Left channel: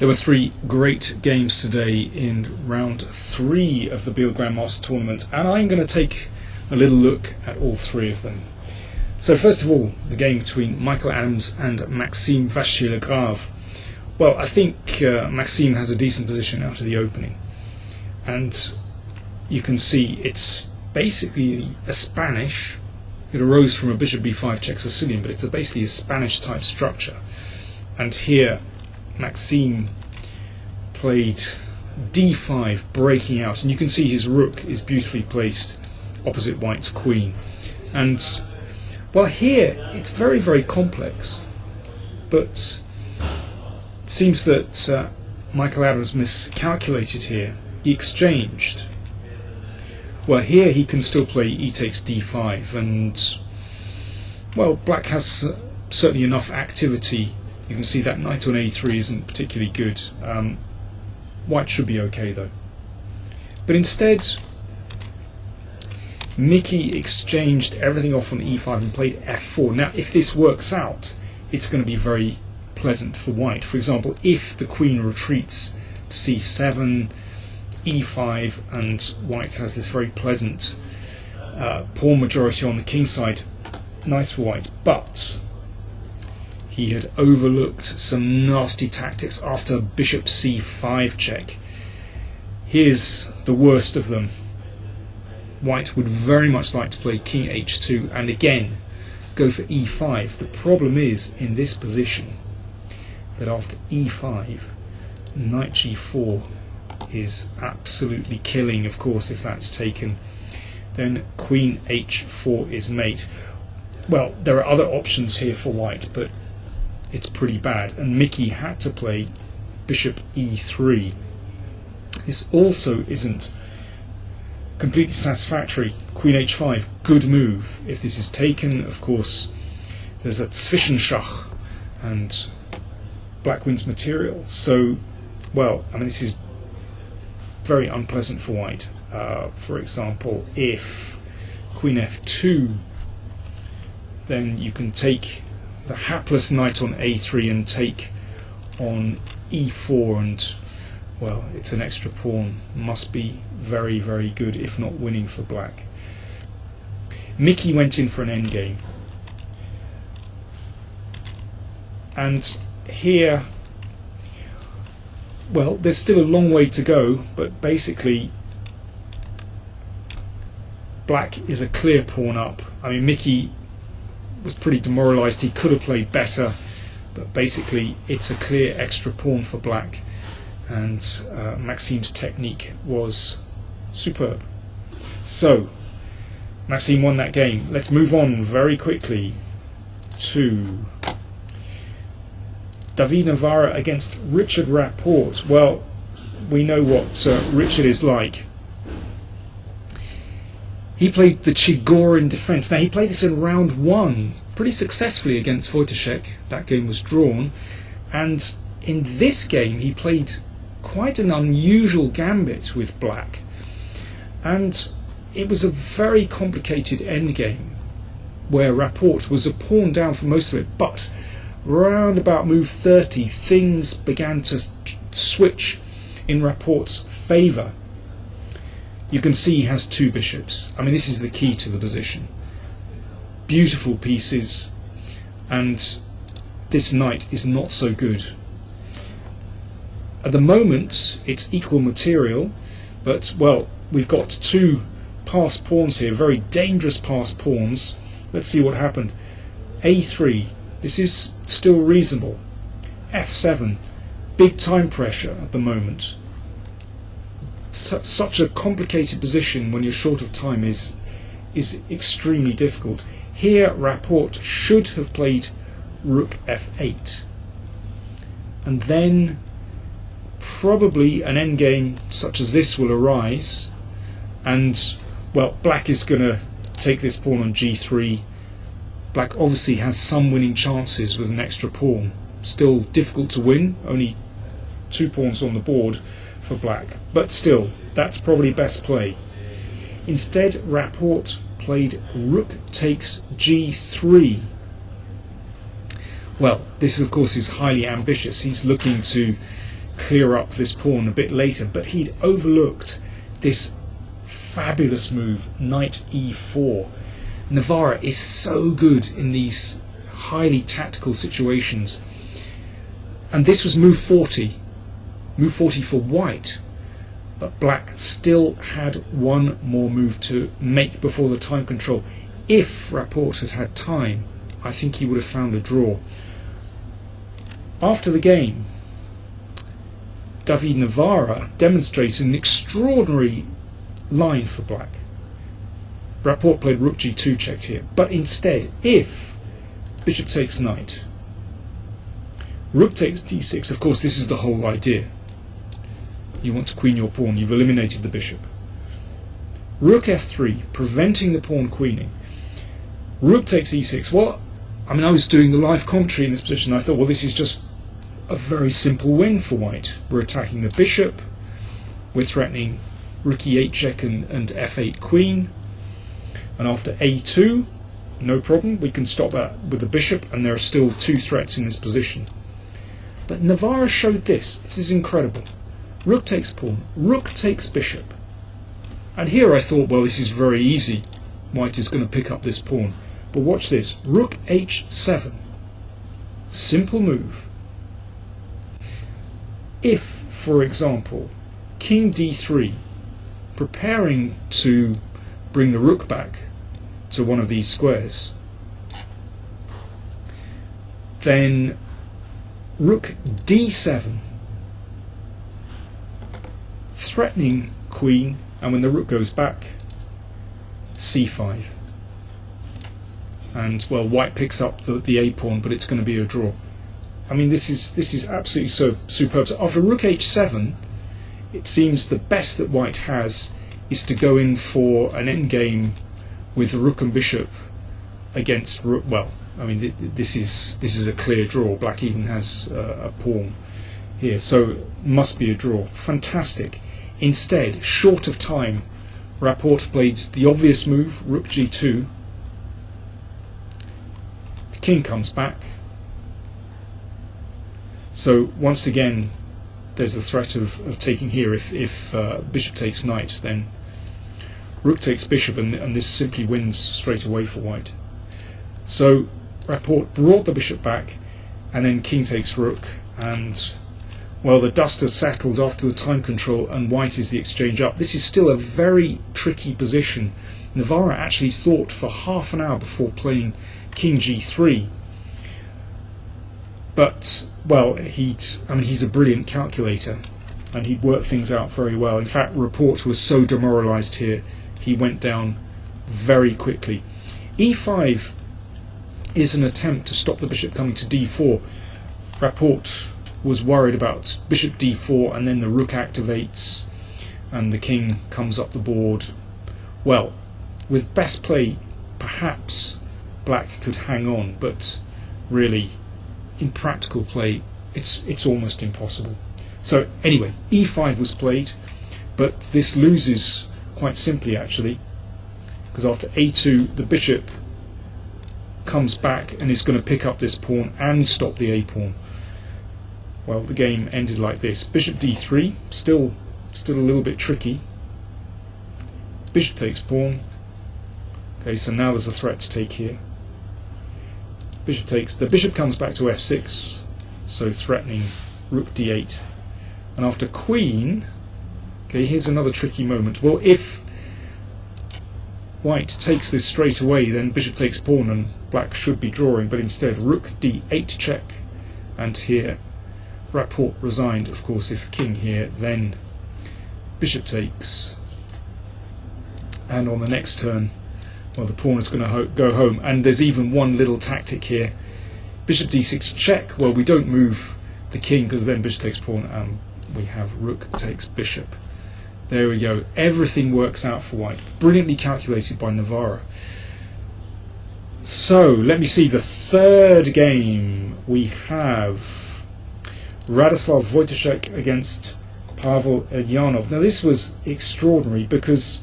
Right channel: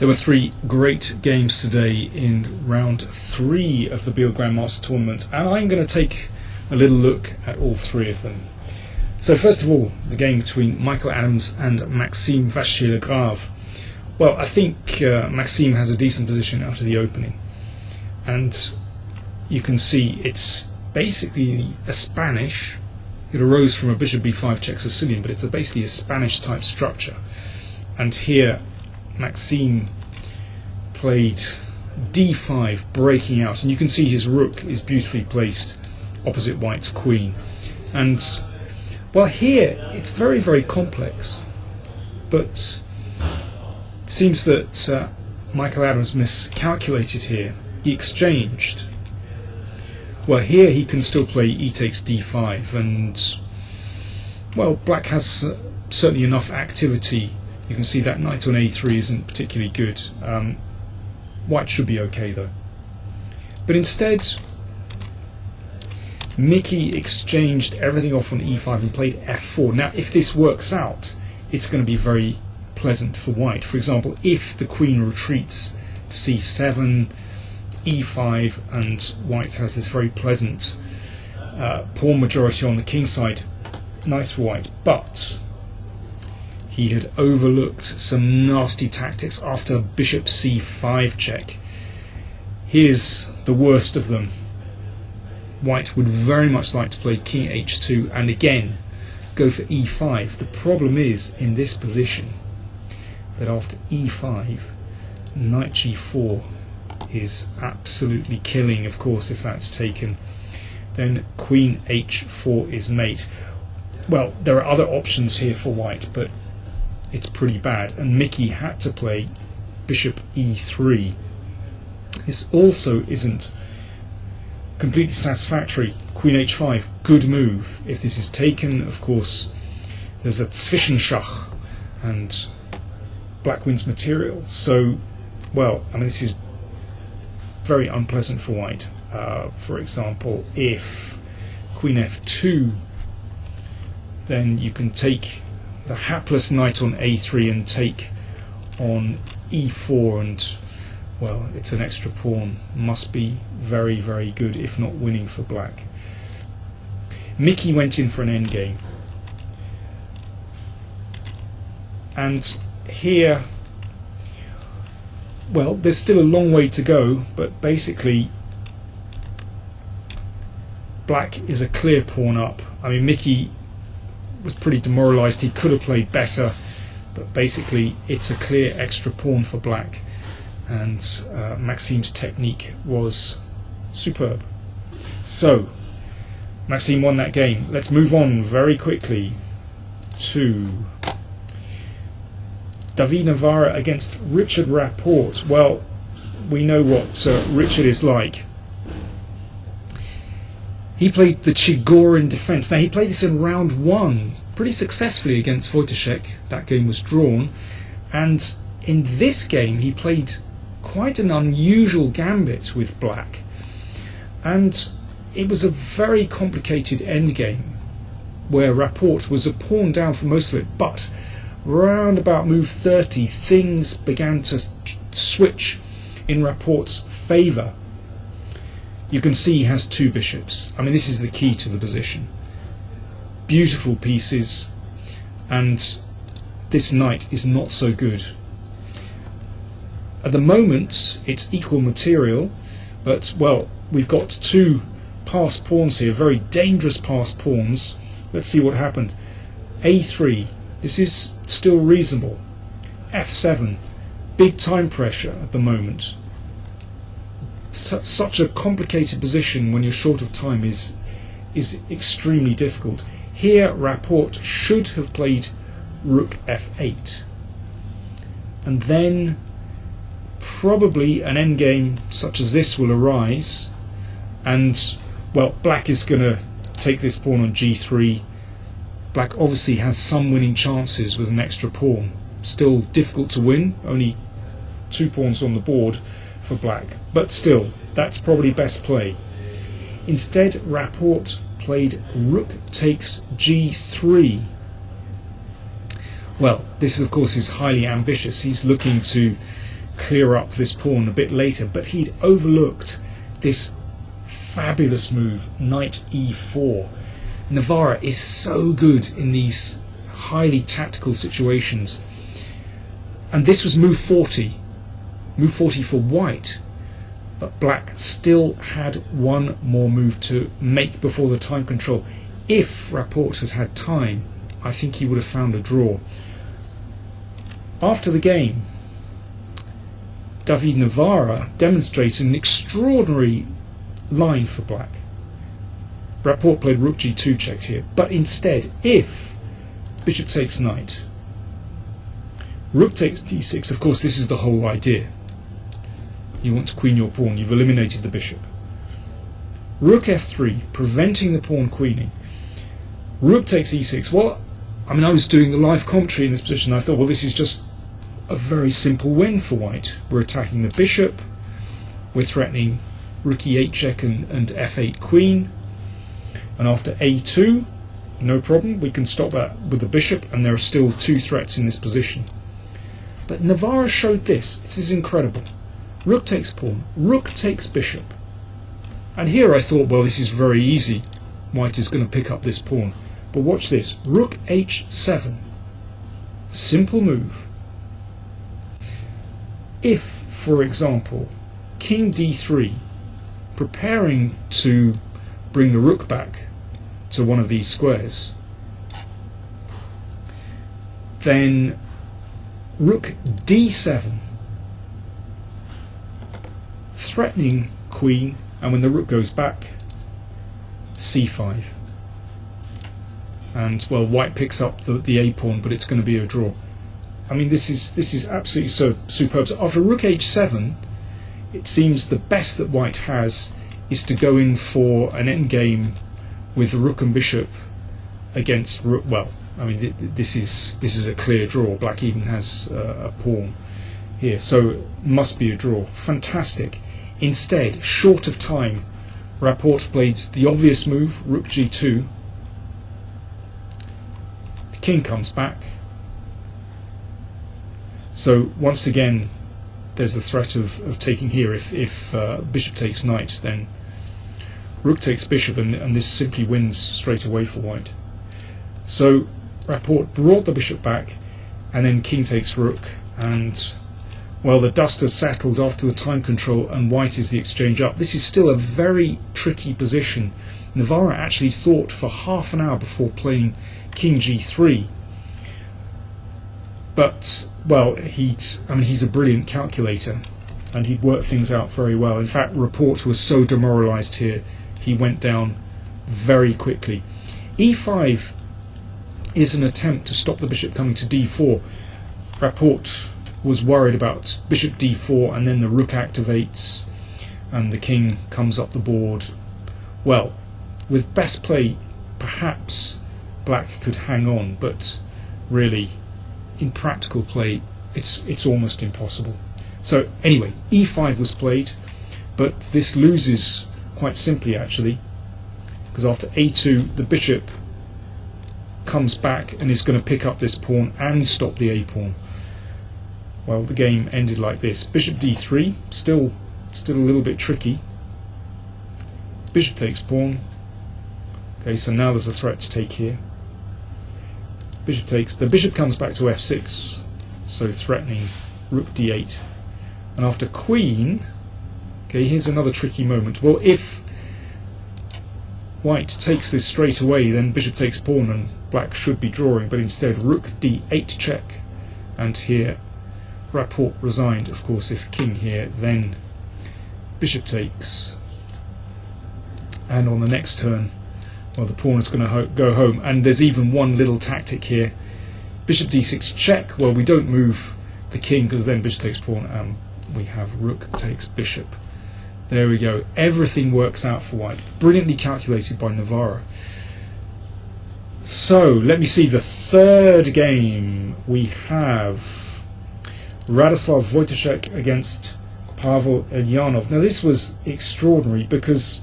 There were three great games today in round 3 of the Biel Grandmaster Tournament, and I'm going to take a little look at all 3 of them. So first of all, the game between Michael Adams and Maxime Vachier-Lagrave. Well, I think Maxime has a decent position out of the opening, and you can see it's basically a Spanish. It arose from a bishop b5 check Sicilian, but it's basically a Spanish type structure. And here Maxime played d5, breaking out, and you can see his rook is beautifully placed opposite white's queen. And well, here it's very, very complex, but it seems that Michael Adams miscalculated here. He exchanged. Well, here he can still play e takes d5, and well, black has certainly enough activity. You can see that knight on a3 isn't particularly good. White should be okay though. But instead, Mickey exchanged everything off on e5 and played f4. Now, if this works out, it's going to be very pleasant for white. For example, if the queen retreats to c7, e5, and white has this very pleasant pawn majority on the king side, nice for white. But he had overlooked some nasty tactics after bishop c5 check. Here's the worst of them. White would very much like to play king h2 and again go for e5. The problem is, in this position, that after e5, knight g4 is absolutely killing. Of course, if that's taken, then queen h4 is mate. Well, there are other options here for white, but it's pretty bad, and Mickey had to play bishop e3. This also isn't completely satisfactory. Queen h5, good move. If this is taken, of course, there's a Zwischenschach and black wins material. So, well, I mean, this is very unpleasant for white. For example, if queen f2, then you can take the hapless knight on a3 and take on e4, and well, it's an extra pawn. Must be very, very good, if not winning for black. Mickey went in for an endgame, and here, well, there's still a long way to go, but basically black is a clear pawn up. I mean, Mickey was pretty demoralised. He could have played better, but basically it's a clear extra pawn for black, and Maxime's technique was superb. So Maxime won that game. Let's move on very quickly to David Navarra against Richard Rapport. Well, we know what Richard is like. He played the Chigorin defence. Now, he played this in round 1 pretty successfully against Wojciech. That game was drawn. And in this game, he played quite an unusual gambit with black. And it was a very complicated endgame where Rapport was a pawn down for most of it. But round about move 30, things began to switch in Rapport's favour. You can see he has 2 bishops. I mean, this is the key to the position. Beautiful pieces, and this knight is not so good. At the moment, it's equal material, but, well, we've got 2 passed pawns here, very dangerous passed pawns. Let's see what happened. a3, this is still reasonable. f7, big time pressure at the moment. Such a complicated position when you're short of time is extremely difficult. Here Rapport should have played rook f8, and then probably an endgame such as this will arise, and well, black is going to take this pawn on g3. Black obviously has some winning chances with an extra pawn. Still difficult to win, only 2 pawns on the board for black, but still, that's probably best play. Instead, Rapport played rook takes g3. Well, this of course is highly ambitious. He's looking to clear up this pawn a bit later, but he'd overlooked this fabulous move, knight e4. Navarra is so good in these highly tactical situations. And this was move 40 for white, but black still had one more move to make before the time control. If Rapport had had time, I think he would have found a draw. After the game, David Navarra demonstrated an extraordinary line for black. Rapport played rook g2 checked here, but instead, if bishop takes knight, rook takes d6, of course this is the whole idea. You want to queen your pawn, you've eliminated the bishop. Rook f3, preventing the pawn queening. Rook takes e6. Well, I mean, I was doing the live commentary in this position, I thought, well, this is just a very simple win for white. We're attacking the bishop, we're threatening rook e8 check and f8 queen, and after a2, no problem, we can stop that with the bishop, and there are still two threats in this position. But Navarra showed this. This is incredible. Rook takes pawn, rook takes bishop. And here I thought, well, this is very easy. White is going to pick up this pawn. But watch this. Rook h7. Simple move. If, for example, king d3, preparing to bring the rook back to one of these squares, then rook d7, threatening queen, and when the rook goes back, c5. And, well, white picks up the a pawn, but it's going to be a draw. I mean, this is absolutely so superb. So after rook h7, it seems the best that white has is to go in for an endgame with the rook and bishop against rook. Well, I mean, this is a clear draw. Black even has a pawn here, so must be a draw. Fantastic. Instead, short of time, Rapport played the obvious move, rook g2. The king comes back. So once again, there's the threat of taking here. If bishop takes knight, then rook takes bishop, and this simply wins straight away for white. So Rapport brought the bishop back, and then king takes rook, and, well, the dust has settled after the time control, and white is the exchange up. This is still a very tricky position. Navarra actually thought for half an hour before playing king g3. But, well, he's a brilliant calculator, and he'd worked things out very well. In fact, Rapport was so demoralised here, he went down very quickly. e5 is an attempt to stop the bishop coming to d4. Rapport was worried about bishop d4, and then the rook activates, and the king comes up the board. Well, with best play, perhaps black could hang on, but really, in practical play, it's almost impossible. So anyway, e5 was played, but this loses quite simply actually, because after a2 the bishop comes back and is going to pick up this pawn and stop the a pawn. Well, the game ended like this. Bishop d3, still a little bit tricky. Bishop takes pawn. Okay, so now there's a threat to take here. Bishop takes, the bishop comes back to f6, so threatening rook d8. And after queen, okay, here's another tricky moment. Well, if white takes this straight away, then bishop takes pawn and black should be drawing, but instead rook d8 check, and here Rapport resigned. Of course, if king here, then bishop takes, and on the next turn, well, the pawn is going to go home. And there's even one little tactic here. Bishop d6 check. Well, we don't move the king because then bishop takes pawn, and we have rook takes bishop. There we go. Everything works out for white. Brilliantly calculated by Navarra. So, let me see. The third game, we have Radoslav Wojtaszek against Pavel Elyanov. Now, this was extraordinary because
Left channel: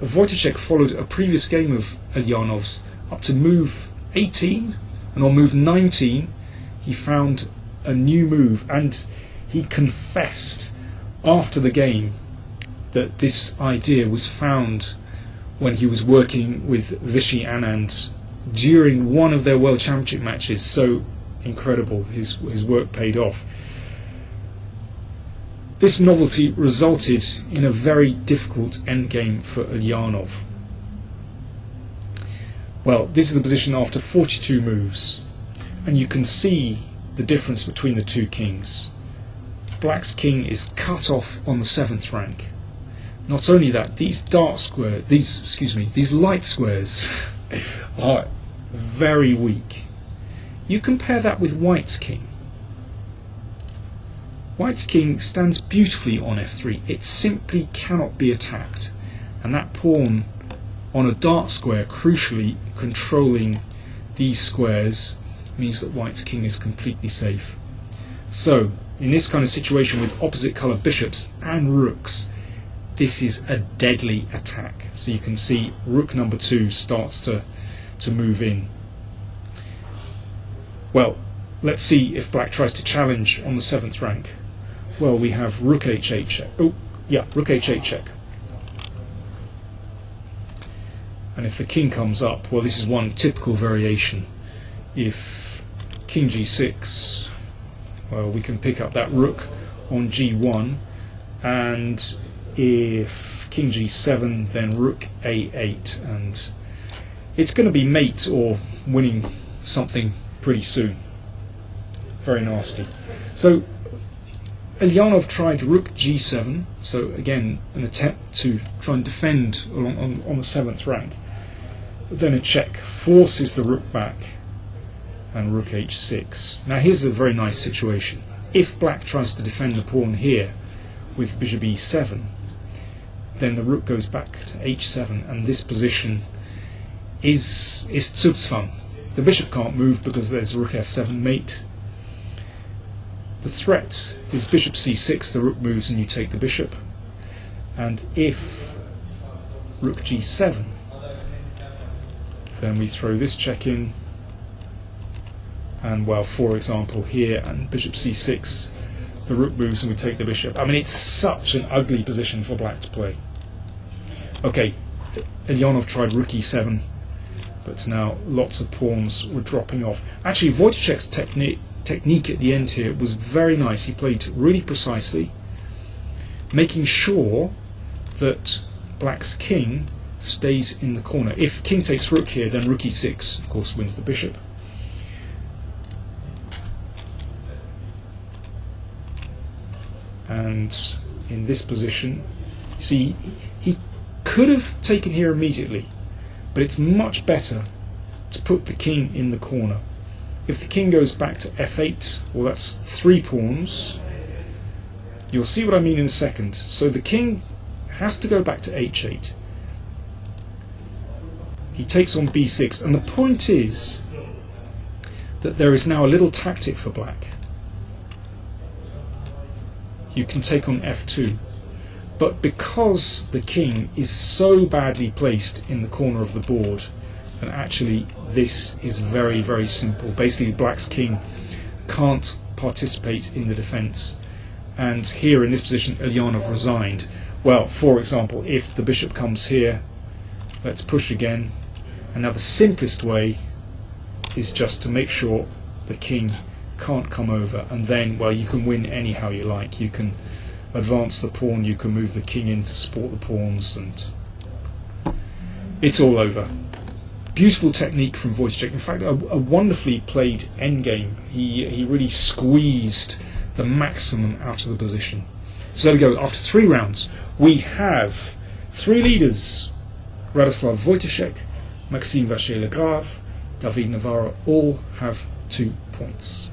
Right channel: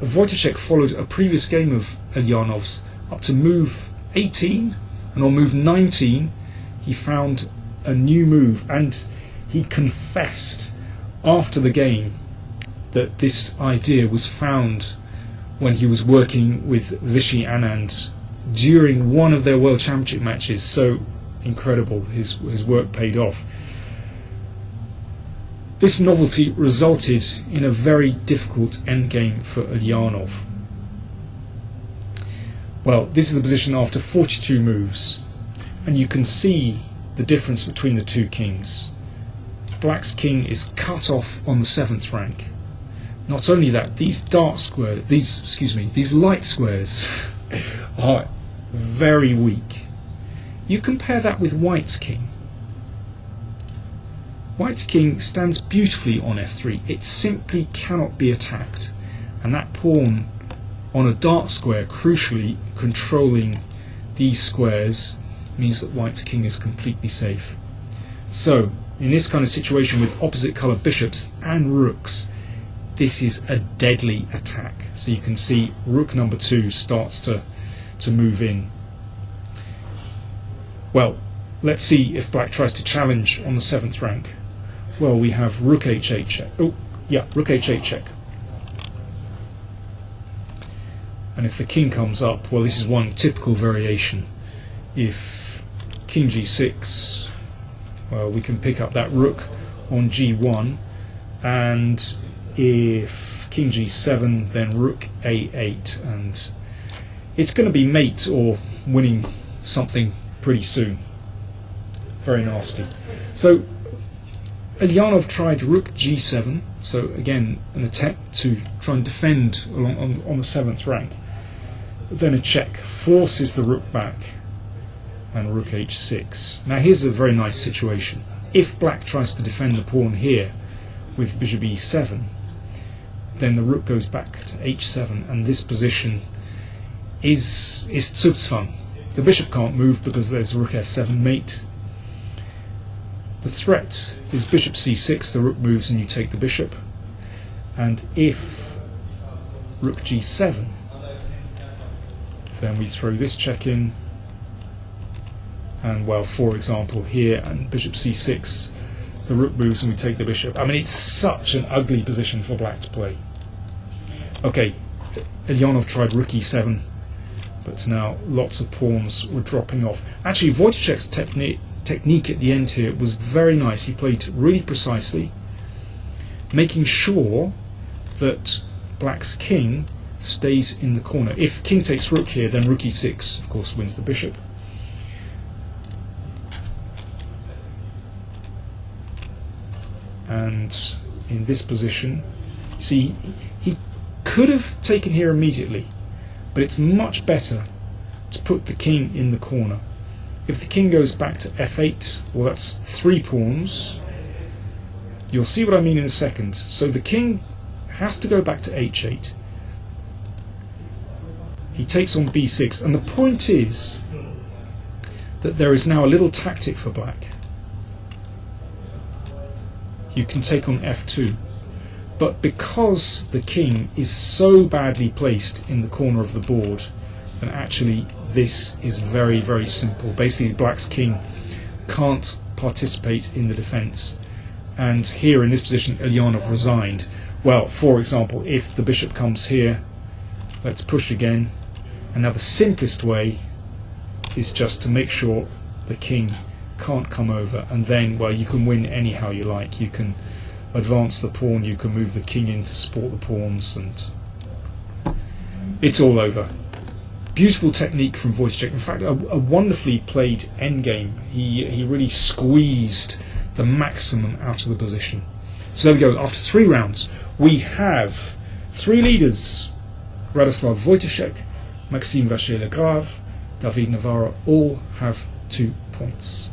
Wojtaszek followed a previous game of Elyanov's up to move 18, and on move 19 he found a new move, and he confessed after the game that this idea was found when he was working with Vichy Anand during one of their World Championship matches. So incredible, his work paid off. This novelty resulted in a very difficult endgame for Ulyanov. Well, this is the position after 42 moves, and you can see the difference between the two kings. Black's king is cut off on the 7th rank. Not only that, these these light squares are very weak. You compare that with White's king. White's king stands beautifully on f3. It simply cannot be attacked, and that pawn on a dark square, crucially controlling these squares, means that White's king is completely safe. So, in this kind of situation with opposite colour bishops and rooks, this is a deadly attack. So you can see rook number 2 starts to move in. Well, let's see if Black tries to challenge on the 7th rank. Well, we have rook h8 check. Oh, yeah, rook h8 check. And if the king comes up, well, this is one typical variation. If king g6, well, we can pick up that rook on g1, and if king g7, then rook a8, and it's going to be mate or winning something pretty soon. Very nasty. So Ulyanov tried rook g7, so again an attempt to try and defend on the 7th rank. But then a check forces the rook back, and rook h6. Now here's a very nice situation. If Black tries to defend the pawn here with bishop e7, then the rook goes back to h7, and this position is Zugzwang. The bishop can't move because there's rook f7 mate. The threat is bishop c6, the rook moves and you take the bishop. And if rook g7, then we throw this check in, and well, for example here, and bishop c6, the rook moves and we take the bishop. I mean, it's such an ugly position for Black to play. Okay, Ulyanov tried rook e7, but now lots of pawns were dropping off. Actually, Wojciech's technique at the end here was very nice. He played really precisely, making sure that Black's king stays in the corner. If king takes rook here, then rook e6, of course, wins the bishop. And in this position, see, he could have taken here immediately, but it's much better to put the king in the corner. If the king goes back to f8, well, that's 3 pawns. You'll see what I mean in a second. So the king has to go back to h8. He takes on b6, and the point is that there is now a little tactic for Black. You can take on f2, but because the king is so badly placed in the corner of the board, then actually this is very, very simple. Basically, Black's king can't participate in the defence, and here in this position Ulyanov resigned. Well, for example, if the bishop comes here, let's push again, and now the simplest way is just to make sure the king can't come over, and then, well, you can win anyhow you like. You can advance the pawn, you can move the king in to support the pawns, and it's all over. Beautiful technique from Wojciech. In fact, a wonderfully played endgame. He really squeezed the maximum out of the position. So there we go. After 3 rounds, we have 3 leaders: Radoslav Wojciech, Maxime Vachier-Lagrave, David Navarro, all have 2 points.